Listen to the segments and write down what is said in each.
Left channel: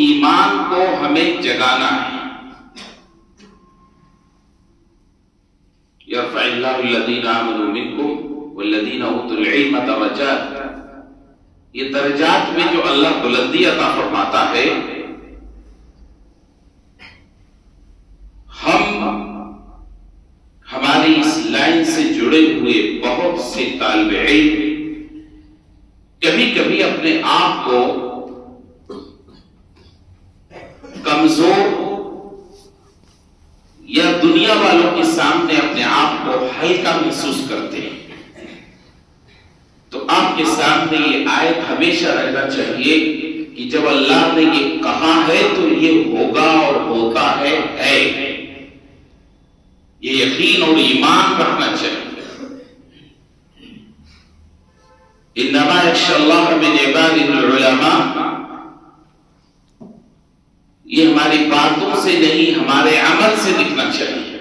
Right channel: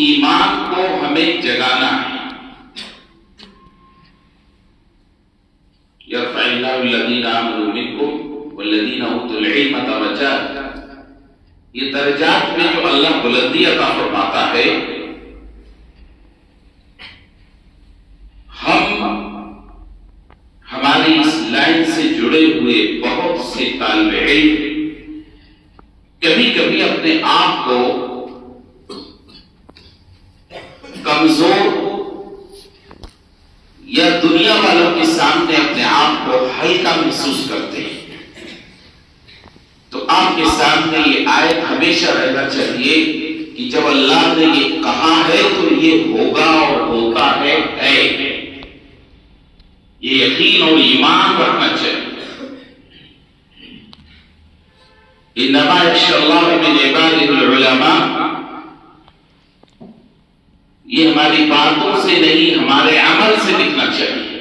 ایمان کو ہمیں جگانا ہے. یرفع اللہ الذین آمنوا منکم والذین اوتوا العلم درجات. یہ درجات میں جو اللہ بلندی عطا فرماتا ہے، ہم ہماری اس لائن سے جڑے ہوئے بہت سے طالب علم کبھی کبھی اپنے آپ کو کمزور یا دنیا والوں کے سامنے اپنے آپ کو ہلکا محسوس کرتے ہیں. تو آپ کے سامنے یہ آیت ہمیشہ رہنا چاہیے کہ جب اللہ نے یہ کہا ہے تو یہ ہوگا اور ہوتا ہے. یہ یقین اور ایمان رکھنا چاہیے. انما یخشی اللہ من عبادہ العلماء. یہ ہماری باتوں سے نہیں، ہمارے عمل سے دکھنا چاہیے.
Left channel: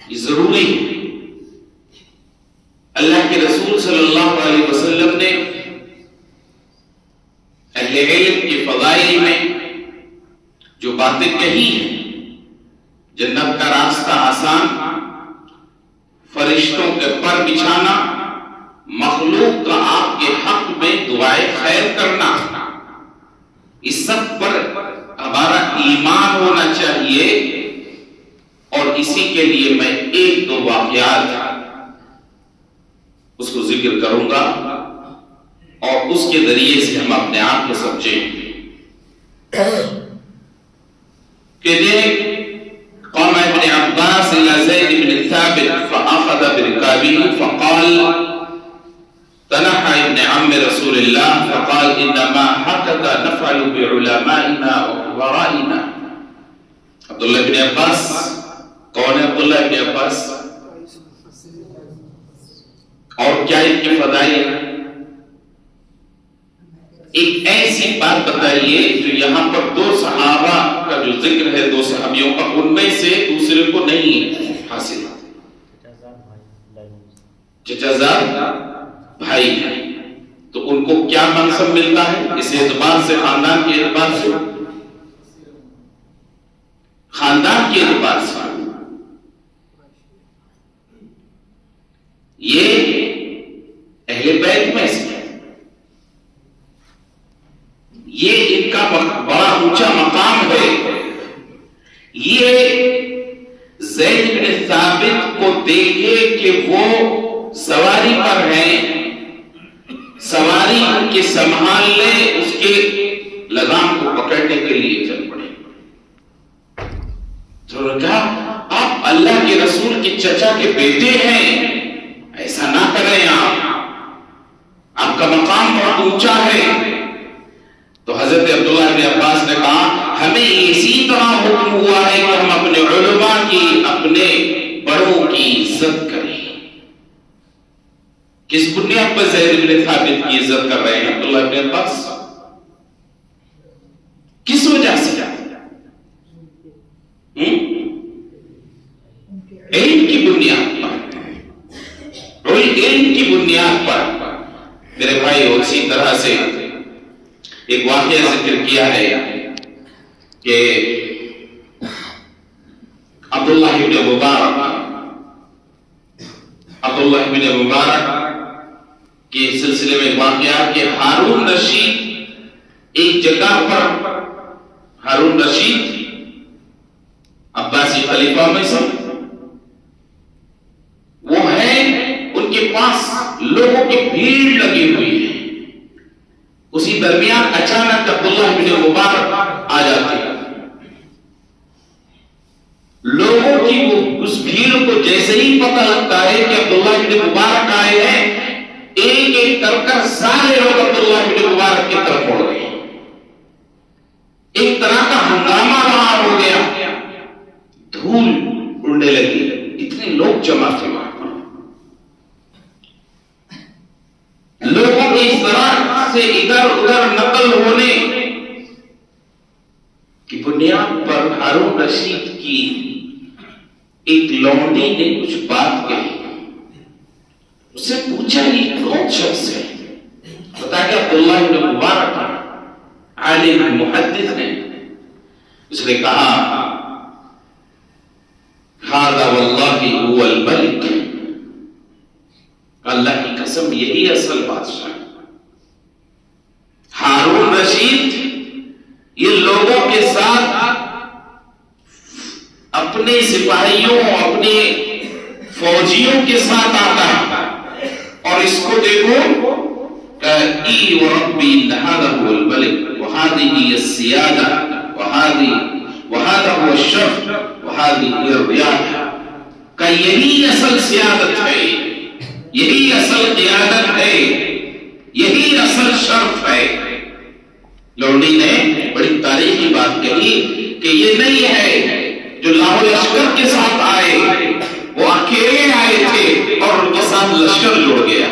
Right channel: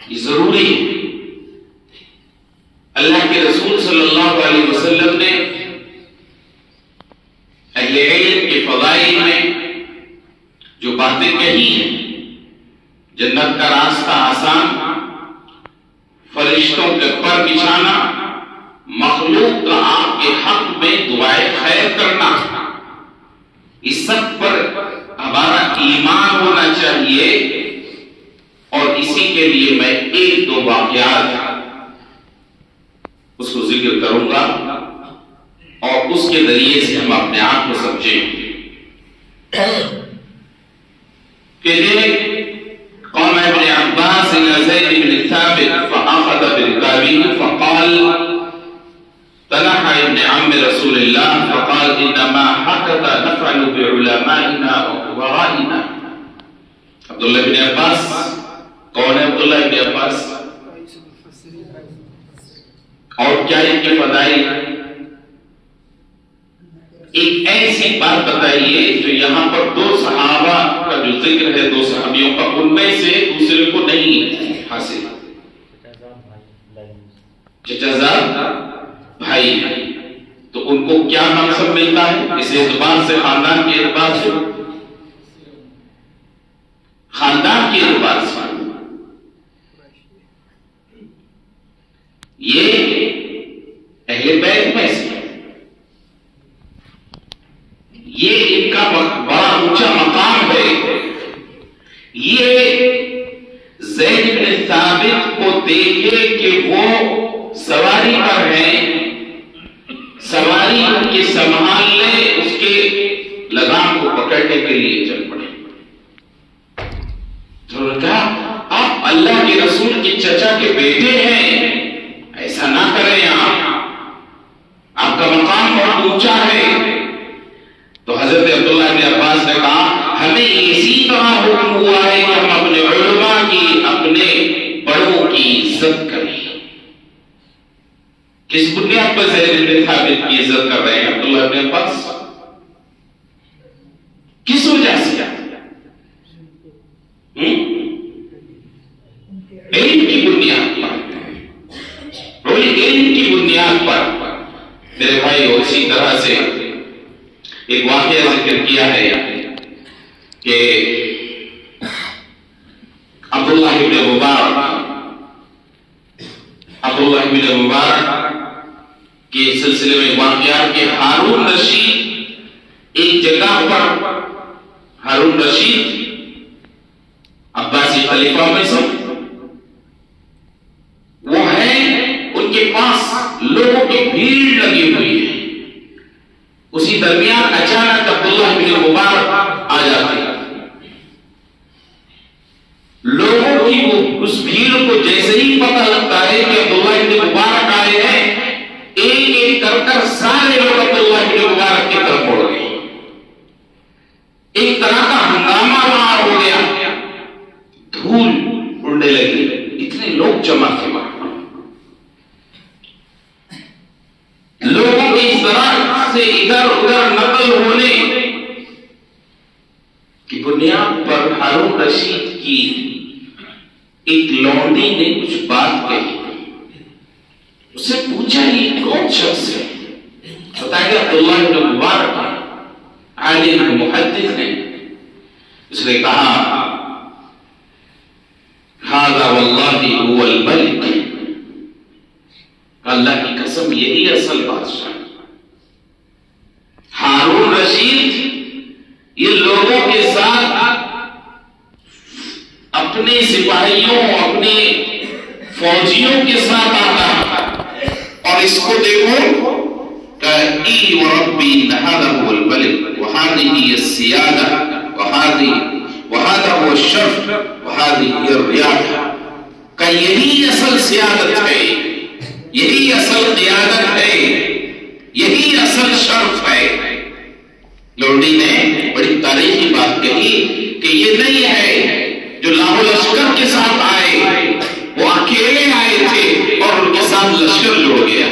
یہ ضروری ہے. اللہ کے رسول صلی اللہ علیہ وسلم نے اہل علم کے فضائل میں جو باتیں کہی ہیں، جنت کا راستہ آسان، فرشتوں کے پر بچھانا، مخلوق کا آپ کے حق میں دعائے خیر کرنا، اس سب پر ہمارا ایمان ہونا چاہیے. اور اسی کے لیے میں ایک دو واقعات اس کو ذکر کروں گا اور اس کے ذریعے سے ہم اپنے آپ کو سمجھیں کہ قام ابن عباس الى زید بن ثابت فاخذ بركابه فقال تنحى ابن عم رسول الله فقال انما هكذا نفعل بعلمائنا وقرائنا. عبداللہ بن عباس کون ہے؟ عبداللہ بن عباس. اور کیا ان کے فضائل؟ ایک ایسی بات بتائیے جو یہاں پر دو صحابہ کا جو ذکر ہے، دو صحابیوں کا، ان میں سے دوسرے کو نہیں حاصل. چچازاد بھائی ہیں تو ان کو کیا منصب ملتا ہے اس اعتبار سے، خاندان کے اعتبار سے، خاندان کے اعتبار سے یہ اہل بیت میں سے، یہ ان کا بڑا اونچا مقام ہے. یہ زید بن ثابت کو دیکھے کہ وہ سواری پر ہیں، سواری ان کے سنبھال لے، اس کے لگام کو پکڑنے کے لیے چل پڑے. تو نے کہا آپ اللہ کے رسول کے چچا کے بیٹے ہیں، ایسا نہ کریں، آپ کا مقام بہت اونچا ہے. تو حضرت عبداللہ بن عباس نے کہا ہمیں اسی طرح حکم ہوا ہے کہ ہم اپنے علماء کی، اپنے بڑوں کی عزت کریں. کس بنیاد پر زید بن ثابت کی عزت کر رہے ہیں عبداللہ بن عباس؟ کس وجہ سے؟ علم کی بنیاد پر، علم کی بنیاد پر. میرے بھائی اسی طرح سے ایک واقعہ ذکر کیا ہے کہ عبداللہ بن مبارک کے سلسلے میں واقعہ کہ ہارون رشید ایک جگہ پر، ہارون رشید عباسی خلیفہ میں سے وہ ہیں، ان کے پاس لوگوں کی بھیڑ لگی ہوئی ہے. اسی درمیان اچانک عبداللہ بن مبارک آ جاتے ہیں. لوگوں کی وہ اس بھیڑ کو جیسے ہی پتہ لگتا ہے کہ عبداللہ بن مبارک آئے ہیں، ایک ایک کر سارے لوگ عبداللہ بن مبارک کی طرف مڑ گئے. ایک طرح کا ہنگامہ وہاں ہو گیا، دھول اڑنے لگی، اتنے لوگ جمع تھے. لوگوں کی اس طرح سے ادھر ادھر نقل ہونے کی بنیاد پر ہارون رشید کی ایک لونڈی نے کچھ بات کہی. اسے پوچھا یہ کون شخص ہے؟ بتایا کہ عبداللہ بن مبارک. عالم محدث ہیں. اس نے کہا ھذا واللہ هو الملک، اللہ کی قسم یہی اصل بادشاہ. ہارون رشید یہ لوگوں کے ساتھ اپنے سپاہیوں اپنے فوجیوں کے ساتھ آتا ہے اور اس کو دیکھو ای وربی ھذا هو الملک وهذه هي السیادہ وهذا هو الشرف وهذه هي الریاضہ، کہ یہی اصل سیادت ہے، یہی اصل قیادت ہے، یہی اصل شرف ہے. لوڈی نے بڑی تاریخی بات کہی کہ یہ نہیں ہے جو لاہور لشکر کے ساتھ آئے، وہ اکیلے آئے تھے اور ان کے ساتھ لشکر جڑ گیا.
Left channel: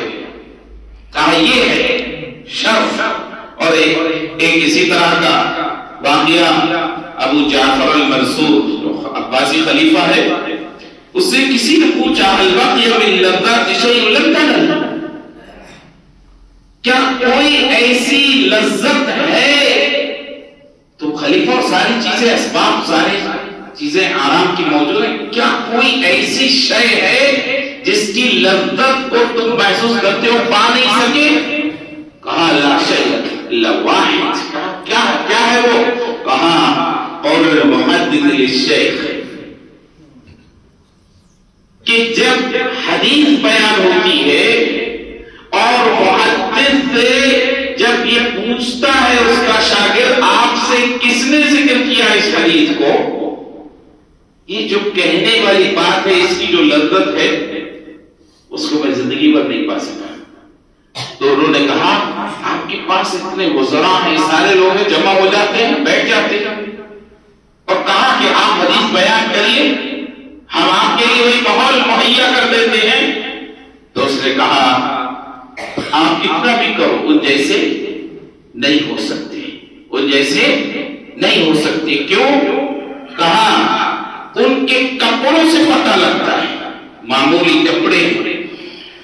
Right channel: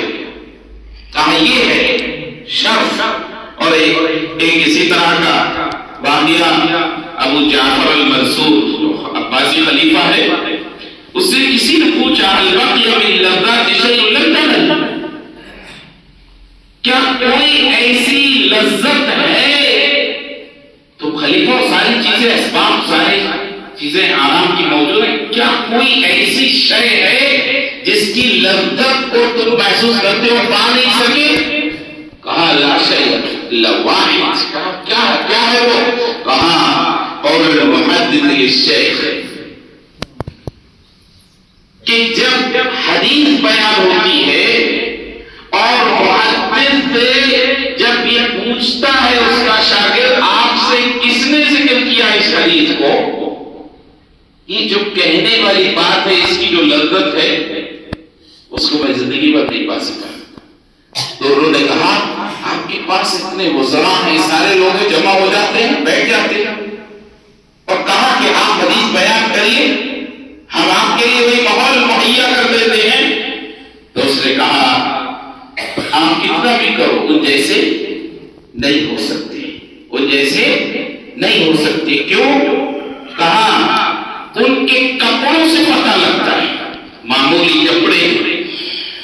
کہا یہ ہے شرف. اور ایک اسی طرح کا واقعہ ابو جعفر المنصور جو عباسی خلیفہ ہے، اس سے کسی نے پوچھا البقی من لذات شیء لم تنل، کیا کوئی ایسی لذت ہے؟ تو خلیفہ ساری چیزیں اسباب ساری چیزیں آرام کی موجود ہیں، کیا کوئی ایسی شے ہے جس کی لذت کو تم محسوس کرتے ہو پا نہیں سکے؟ کہا لا شیء الا واحد. کیا ہے وہ؟ کہا قول المحدث للشیخ، کہ جب حدیث بیان ہوتی ہے اور محدث سے جب یہ پوچھتا ہے اس کا شاگرد آپ سے کس نے ذکر کیا اس حدیث کو، یہ جو کہنے والی بات ہے اس کی جو لذت ہے اس کو میں زندگی بھر نہیں پا سکتا. تو انہوں نے کہا آپ کے پاس اتنے وزراء ہیں، سارے لوگ جمع ہو جاتے ہیں، بیٹھ جاتے ہیں، اور کہا کہ آپ حدیث بیان کریے، ہم آپ کے لیے وہی ماحول مہیا کر دیتے ہیں. تو اس نے کہا آپ کتنا بھی کرو ان جیسے نہیں ہو سکتے، ان جیسے نہیں ہو سکتے. کیوں؟ کہا ان کے کپڑوں سے پتہ لگتا ہے، معمولی کپڑے،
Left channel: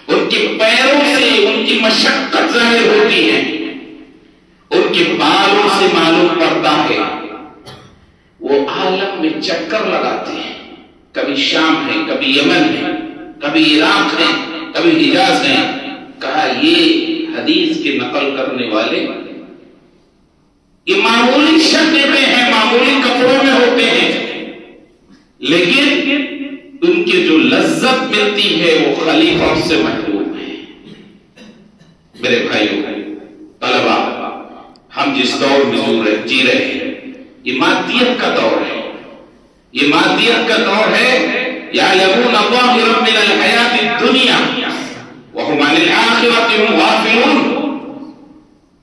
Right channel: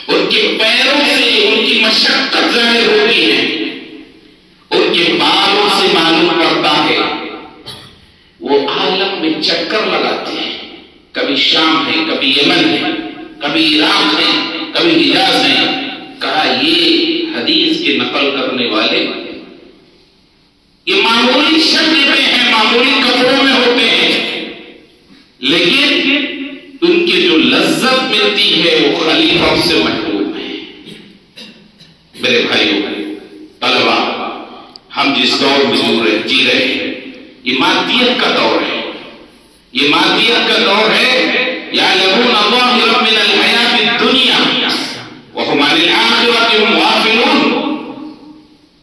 ان کے پیروں سے ان کی مشقت ظاہر ہوتی ہے، ان کے بالوں سے معلوم پڑتا ہے. وہ عالم میں چکر لگاتے ہیں، کبھی شام ہے، کبھی یمن ہے، کبھی عراق ہے، کبھی حجاز ہے. کہا یہ حدیث کے نقل کرنے والے یہ معمولی شکل میں ہیں، معمولی کپڑوں میں ہوتے ہیں، لیکن ان کی جو لذت ملتی ہے وہ خلیفہ سے محروم ہے. میرے بھائیوں طلبا، ہم جس دور میں جی رہے ہیں یہ مادیت کا دور ہے، یہ مادیت کا دور ہے. یعلمون ظاہرا من الحیات الدنیا وهم عن الآخرۃ هم غافلون.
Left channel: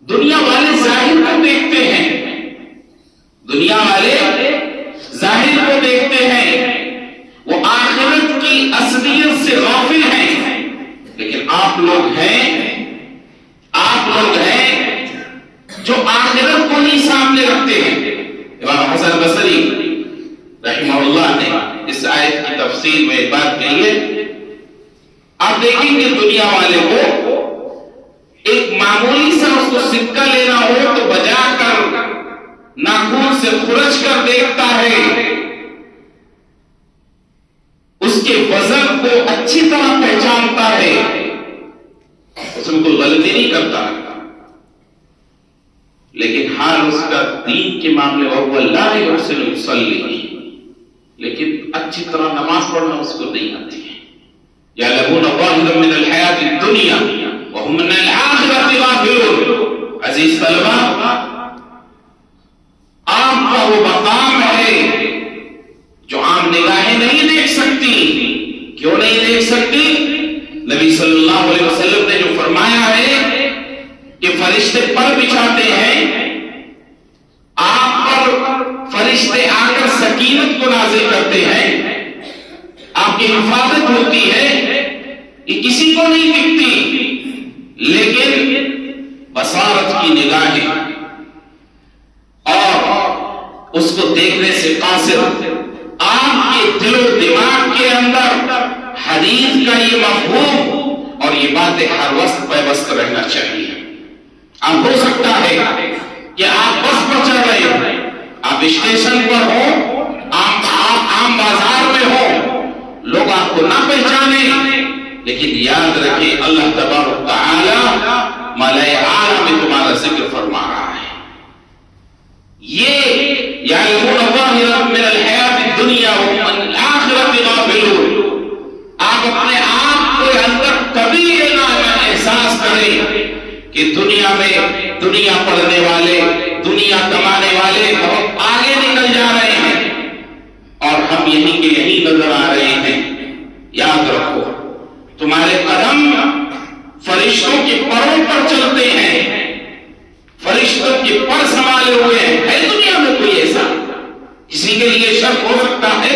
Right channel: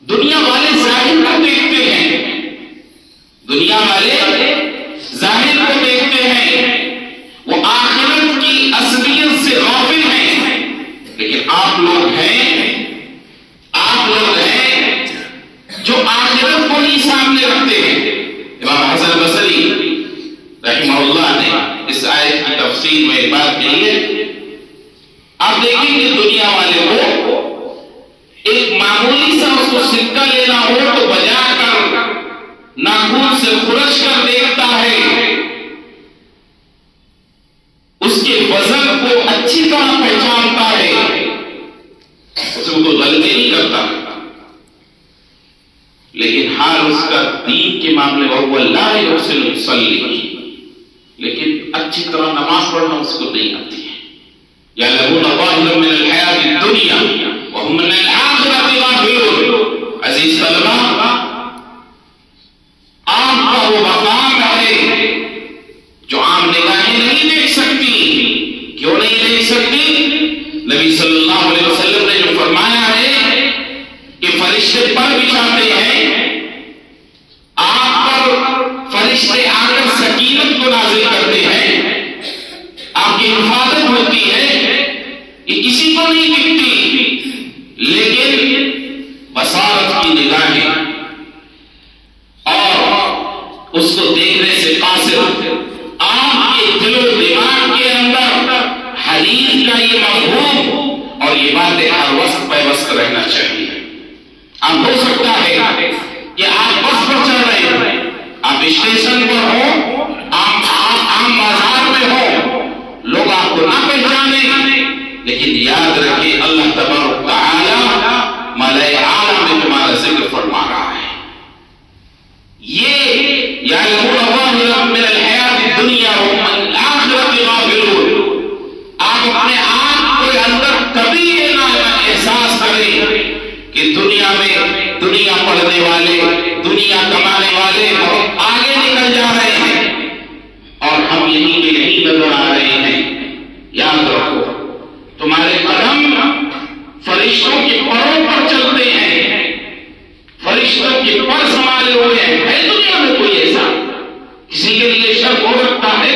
دنیا والے ظاہر کو دیکھتے ہیں، دنیا والے ظاہر کو دیکھتے ہیں، وہ آخرت کی اصلیت سے غافل ہیں. لیکن آپ لوگ ہیں جو آخرت کو ہی سامنے رکھتے ہیں. امام حسن بصری رحمہ اللہ نے اس آیت کی تفسیر میں بات کہی ہے. آپ دیکھیں کہ دنیا والے کو ایک معمولی سا اس کو سکہ لینا ہو تو بجا کر ناخن سے خرش کر دیکھتا ہے، اس کے وزن کو اچھی طرح پہچانتا ہے، اس میں کوئی غلطی نہیں کرتا. لیکن حال اس کا دین کے معاملے وہ لا یحسن یصلی، لیکن اچھی طرح نماز پڑھنا اس کو نہیں آتی ہے. یعلمون ظاہرا من الحیات الدنیا وهم عن الآخرۃ غافلون. عزیز طلبا، آپ کا وہ مقام ہے جو عام نگاہیں نہیں دیکھ سکتی. کیوں نہیں دیکھ سکتی؟ نبی صلی اللہ علیہ وسلم نے جو فرمایا ہے کہ فرشتے پر بچھاتے ہیں، آپ پر فرشتے آ کر سکینت کو نازل کرتے ہیں، آپ کی حفاظت ہوتی ہے، یہ کسی کو نہیں دکھتی. لیکن بصارت کی نگاہیں اور اس کو دیکھنے سے قاصر، آپ کے دل و دماغ کے اندر حدیث کا یہ مفہوم اور یہ باتیں ہر وقت پیوست رہنا چاہیے. اب ہو سکتا ہے کہ آپ بس پر چل رہے ہیں، آپ اسٹیشن پر ہو، آپ عام بازار میں ہو، لوگ آپ کو نہ پہچانے، لیکن یاد رکھیں اللہ تبارک و تعالی ملائے اعلیٰ میں تمہارا ذکر فرما رہا ہے۔ یہ یعلمون ظاہرا من الحیات الدنیا وهم عن الآخرۃ غافلون، آپ اپنے آپ کے اندر کبھی یہ احساس کریں کہ دنیا میں دنیا پڑھنے والے، دنیا کمانے والے بہت آگے نکل جا رہے ہیں اور ہم یہیں کے یہیں نظر آ رہے ہیں۔ یاد رکھو تمہارے قدم فرشتوں کے پروں پر چلتے ہیں، فرشتوں کے پر سنبھالے ہوئے ہیں۔ ہے دنیا میں کوئی ایسا؟ کسی کے لیے شک ہو سکتا ہے؟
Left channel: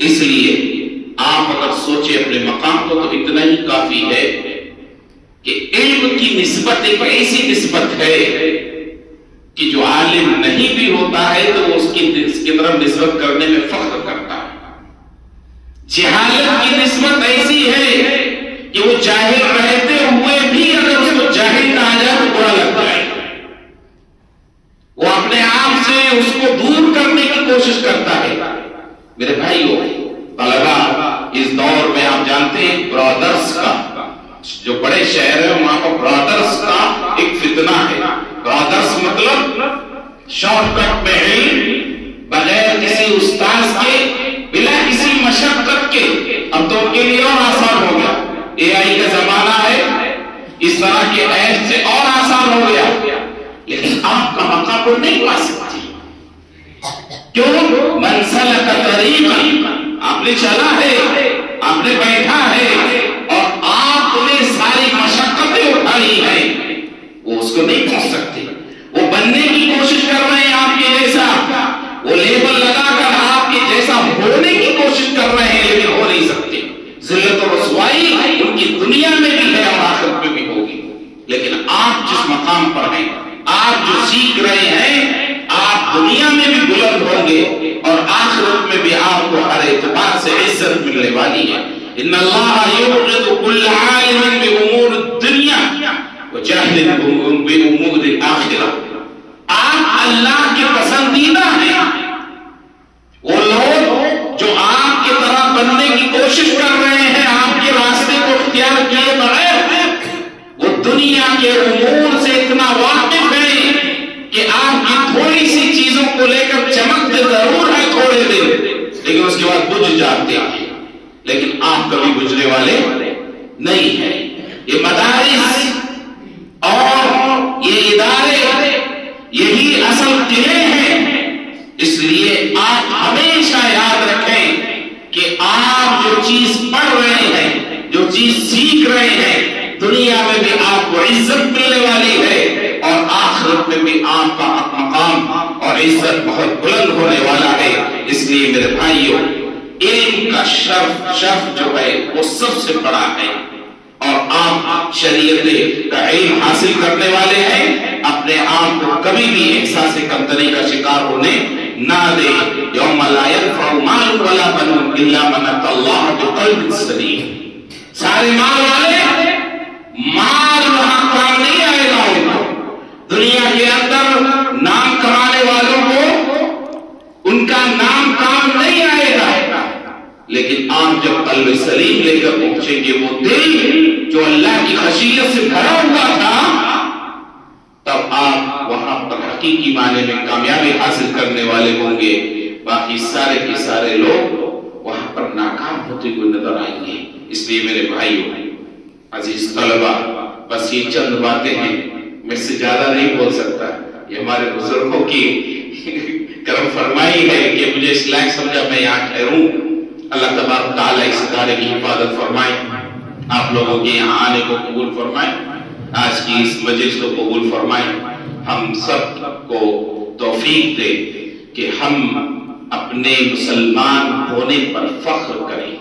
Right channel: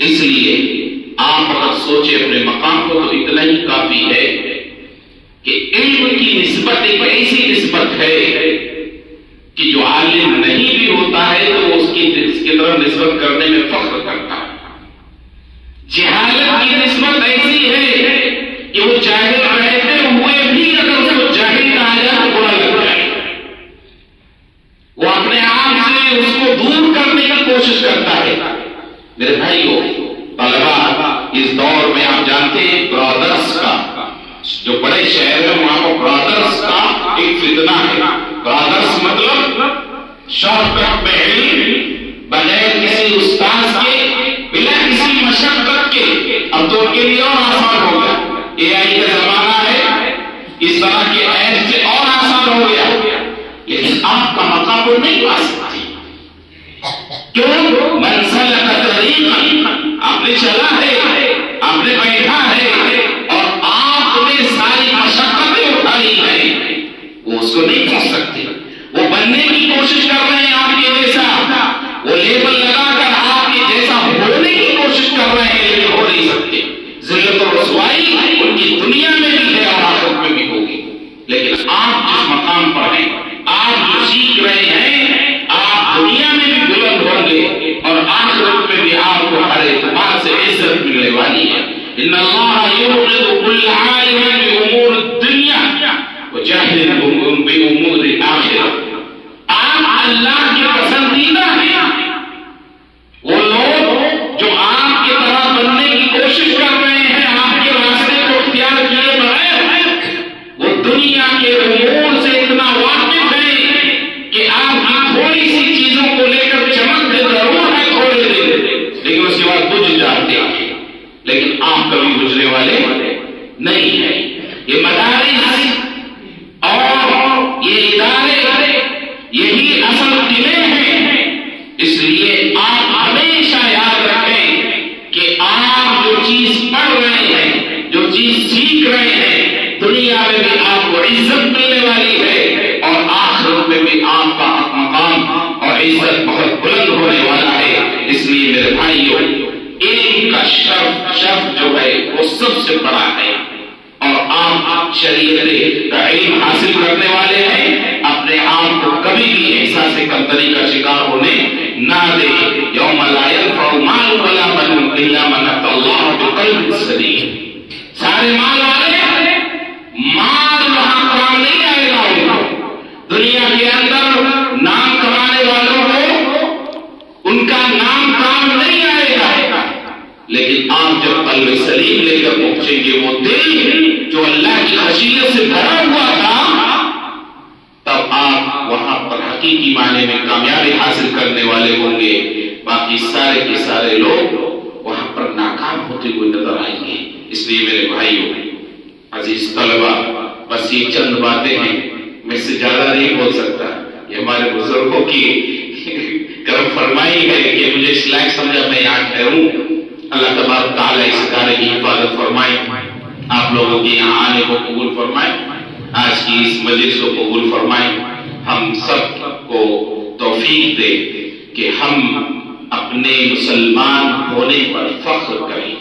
اس لیے آپ اگر سوچے اپنے مقام کو تو اتنا ہی کافی ہے کہ علم کی نسبت ایک ایسی نسبت ہے کہ جو عالم نہیں بھی ہوتا ہے تو اس کی طرف نسبت کرنے میں فخر کرتا ہے۔ جہالت کی نسبت ایسی ہے کہ وہ جاہل رہتے ہوئے بھی اگر اس کو جاہل کہا جائے تو برا لگتا ہے، وہ اپنے آپ سے اس کو دور کرنے کی کوشش کرتا ہے۔ میرے بھائیو طلبہ، اس دور میں آپ جانتے ہیں برادرز کا، جو بڑے شہر ہیں وہاں پر برادرز کا ایک فتنہ ہے۔ برادرز مطلب شارٹ کٹ میں علم بغیر کسی استاذ کے، بلا کسی مشقت کے۔ اب تو ان کے لیے اور آسان ہو گیا، اے آئی کا زمانہ ہے، اس طرح کے ایپ سے اور آسان ہو گیا، لیکن آپ کا مقام کو نہیں پا سکتی۔ کیوں؟ من سلک طریقا، آپ نے چلا ہے، آپ نے بیٹھا ہے اور آپ نے ساری مشقتیں اٹھائی ہیں، وہ اس کو نہیں کر سکتے۔ وہ بننے کی کوشش کر رہے ہیں آپ کے جیسا، وہ لیبل لگا کر آپ کے جیسا ہونے کی کوشش کر رہے ہیں، لیکن ہو نہیں سکتے۔ ذلت و رسوائی ان کی دنیا میں بھی ہے اور آخرت میں بھی ہوگی، لیکن آپ جس مقام پر ہیں، آپ جو سیکھ رہے ہیں، آپ دنیا میں بھی بلند ہوں گے اور آخرت میں بھی آپ کو ہر اعتبار سے عزت ملنے والی ہے۔ ان اللہ یوقظ کل عالم بامور الدنیا وجاہد بامور الاخرہ۔ آپ اللہ کے پسندیدہ ہیں۔ وہ لوگ جو آپ کی طرح بننے کی کوشش کر رہے ہیں، آپ کے راستے کو اختیار کیے بغیر، وہ دنیا کے امور سے اتنا واقف ہیں کہ آپ کی تھوڑی سی چیزوں کو لے کر چمکتے ضرور ہے تھوڑے دن، لیکن اس کے بعد بجھ جاتے ہیں، لیکن آپ کبھی بجھنے والے نہیں ہیں۔ یہ مدارس اور یہ ادارے یہی اصل قلعے ہیں، اس لیے آپ ہمیشہ یاد رکھیں کہ آپ جو چیز پڑھ رہے ہیں، جو چیز سیکھ رہے ہیں، دنیا میں بھی آپ کو عزت ملنے والی ہے اور آخرت میں بھی آپ کا مقام اور عزت بہت بلند ہونے والا ہے۔ اس لیے میرے بھائیوں، علم کا شرف جو ہے وہ سب سے بڑا ہے، اور آپ شریعت کا علم حاصل کرنے والے ہیں، اپنے آپ کو کبھی بھی احساس کمتری کا شکار ہونے نہ دیں۔ یوم لا ينفع مال ولا بنون الا من اتى الله بقلب سلیم۔ سارے مال والے، مال وہاں کام نہیں آئے گا ان کو، دنیا کے اندر نام کمانے والوں کو ان کا نام کام نہیں آئے گا، لیکن آپ جب قلب سلیم لے کر پہنچیں گے، وہ دل جو اللہ کی خشیت سے بھرا ہوا تھا، تب آپ وہاں پر حقیقی معنی میں کامیابی حاصل کرنے والے ہوں گے۔ باقی سارے کے سارے لوگ وہاں پر ناکام ہوتے ہوئے نظر آئیں گے۔ اس لیے میرے بھائیوں، عزیز طلبہ، بس یہ چند باتیں ہیں، میں سے زیادہ نہیں بول سکتا۔ یہ ہمارے بزرگوں کی کرم فرمائی ہے کہ مجھے اس لائق سمجھا میں یہاں ٹھہروں۔ اللہ تبارک تعالیٰ اس ادارے کی حفاظت فرمائے، آپ لوگوں کے یہاں آنے کو قبول فرمائے، آج کی اس مجلس کو قبول فرمائے۔ ہم سب کو توفیق دے کہ ہم اپنے مسلمان ہونے پر فخر کریں،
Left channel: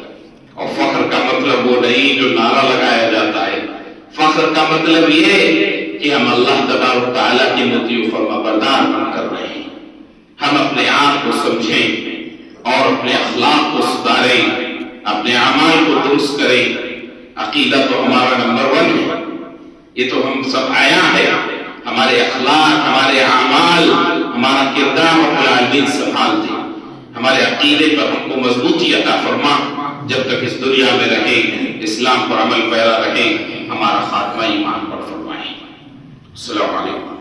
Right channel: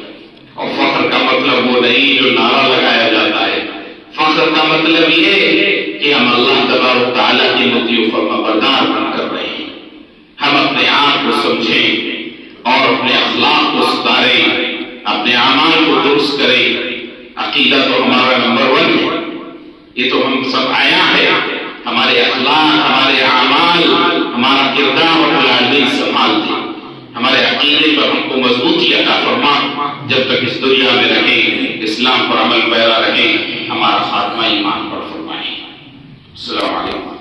اور فخر کا مطلب وہ نہیں جو نعرہ لگایا جاتا ہے۔ فخر کا مطلب یہ کہ ہم اللہ تبارک تعالیٰ کی مطیع و فرما بردار بن کر رہے ہیں۔ ہم اپنے آپ کو سمجھیں اور اپنے اخلاق کو سدھاریں، اپنے اعمال کو درست کریں۔ عقیدہ تو ہمارا نمبر 1 ہے، یہ تو ہم سب آیا ہے، ہمارے اخلاق، ہمارے اعمال، ہمارا کردار رب العالمین سنبھال دے. ہمارے عقیدے پر ہم کو مضبوطی عطا فرما. جب تک اس دنیا میں رہیں، اسلام پر عمل پیرا رہیں، ہمارا خاتمہ ایمان پر فرمائیں. السلام علیکم.